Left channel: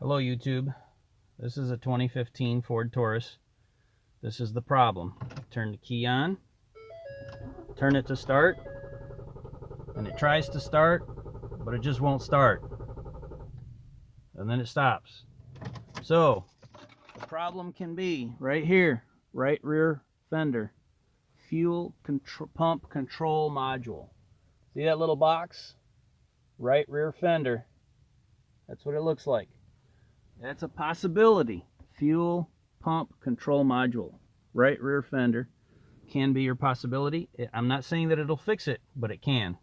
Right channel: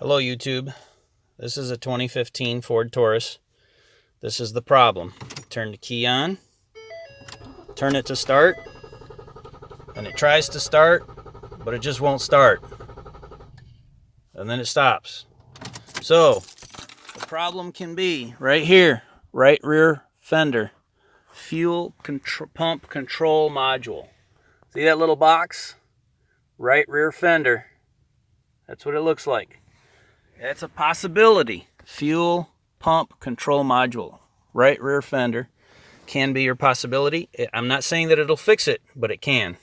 Hello YouTube. This is a 2015 Ford Taurus. This is the problem. Turn the key on, turn it to start, and it tries to start, but it just won't start. And then it stops. So, the problem can be right here, right rear fender, fuel pump control module. See that little box? Right rear fender. That's what it looks like. That's a possibility. Fuel pump control module, right rear fender, can be your possibility. I'm not saying that it'll fix it, but it can.